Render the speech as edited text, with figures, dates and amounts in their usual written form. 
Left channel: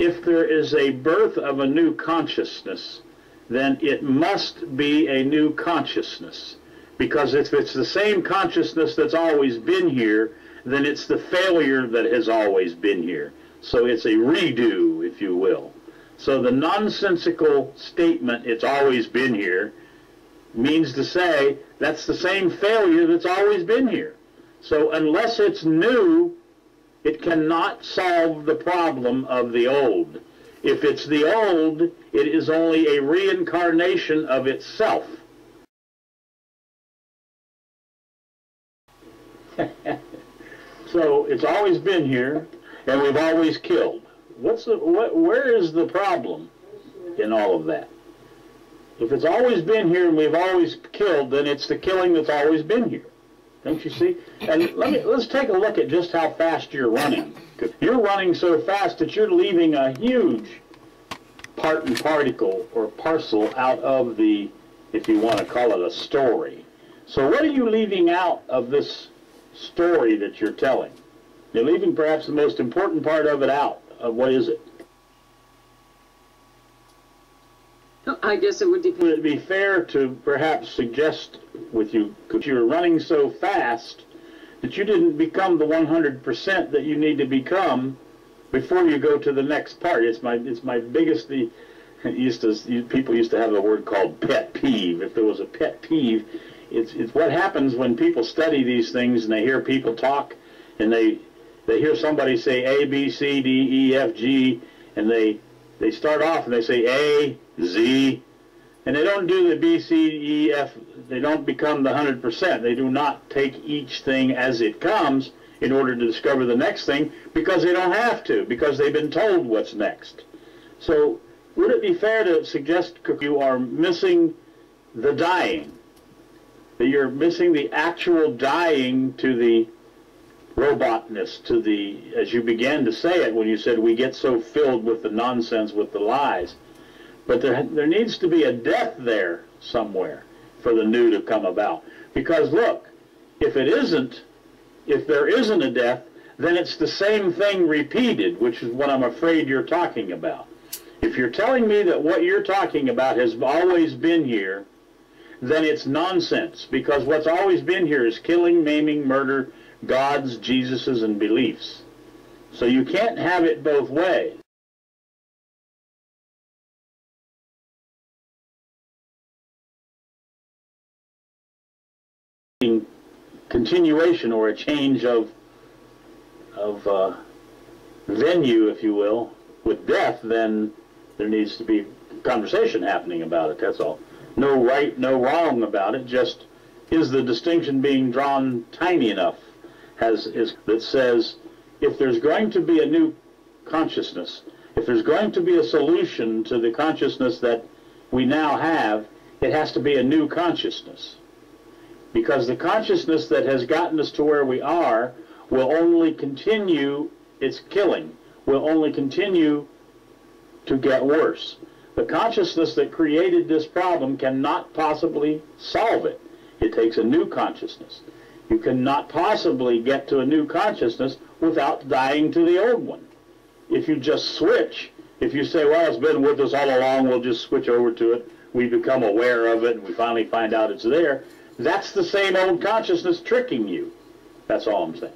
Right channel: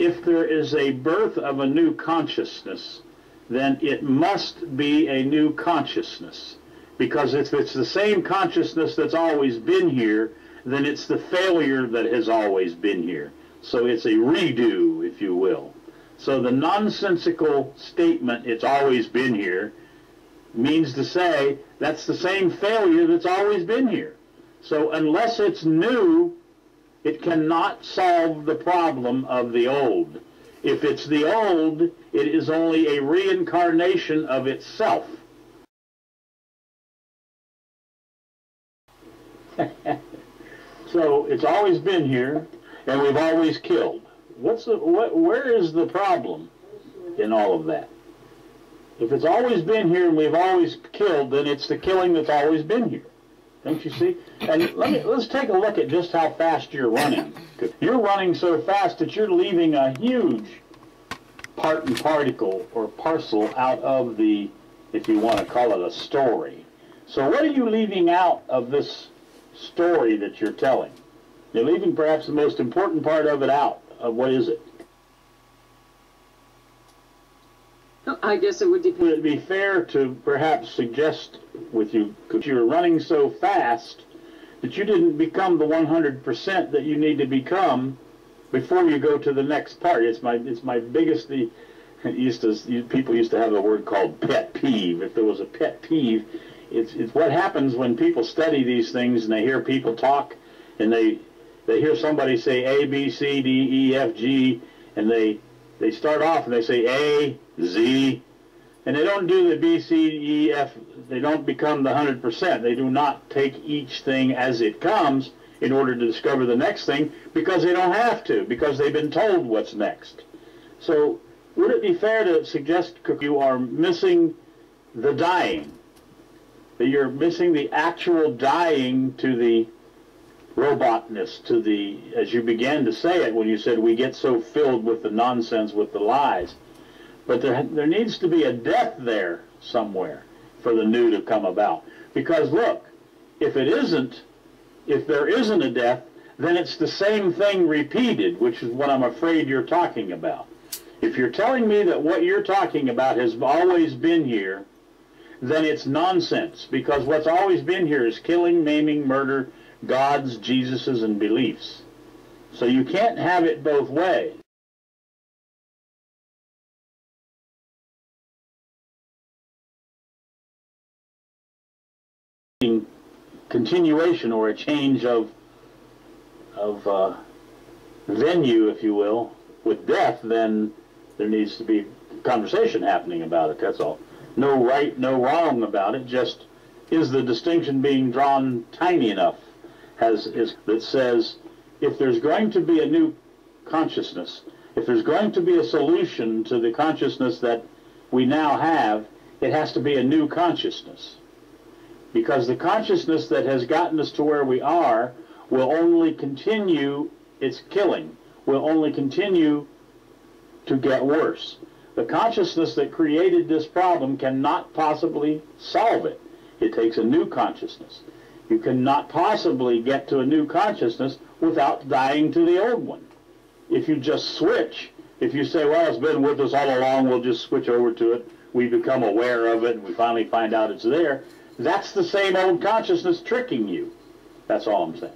if there is a birth of a new consciousness, then it must be a new consciousness. Because if it's the same consciousness that's always been here, then it's the failure that has always been here. So it's a redo, if you will. So the nonsensical statement, it's always been here, means to say that's the same failure that's always been here. So unless it's new, it cannot solve the problem of the old. If it's the old, it is only a reincarnation of itself. So it's always been here, and we've always killed. Where is the problem in all of that? If it's always been here and we've always killed, then it's the killing that's always been here. Don't you see? And let's take a look at just how fast you're running. You're running so fast that you're leaving a huge part and particle or parcel out of the, if you want to call it a story. So what are you leaving out of this story that you're telling? You're leaving perhaps the most important part of it out. What is it? I guess it would depend. Would it be fair to perhaps suggest with you, because you're running so fast, that you didn't become the 100% that you need to become before you go to the next part? It's my biggest, people used to have a word called pet peeve. If there was a pet peeve, it's what happens when people study these things and they hear people talk and they hear somebody say A, B, C, D, E, F, G, and they start off and they say A, Z, and they don't do the B, C, E, F. They don't become the 100%. They do not take each thing as it comes in order to discover the next thing, because they don't have to, because they've been told what's next. So would it be fair to suggest you are missing the dying, that you're missing the actual dying to the robotness, to the, as you began to say it when you said we get so filled with the nonsense, with the lies. But there needs to be a death there somewhere for the new to come about. Because look, if there isn't a death, then it's the same thing repeated, which is what I'm afraid you're talking about. If you're telling me that what you're talking about has always been here, then it's nonsense, because what's always been here is killing, maiming, murder, gods, Jesuses, and beliefs. So you can't have it both ways. Continuation or a change of venue, if you will, with death, then there needs to be conversation happening about it, that's all. No right, no wrong about it, just is the distinction being drawn tiny enough that says if there's going to be a new consciousness, if there's going to be a solution to the consciousness that we now have, it has to be a new consciousness. Because the consciousness that has gotten us to where we are will only continue its killing, will only continue to get worse. The consciousness that created this problem cannot possibly solve it. It takes a new consciousness. You cannot possibly get to a new consciousness without dying to the old one. If you just switch, if you say, well, it's been with us all along, we'll just switch over to it, we become aware of it, and we finally find out it's there, that's the same old consciousness tricking you. That's all I'm saying.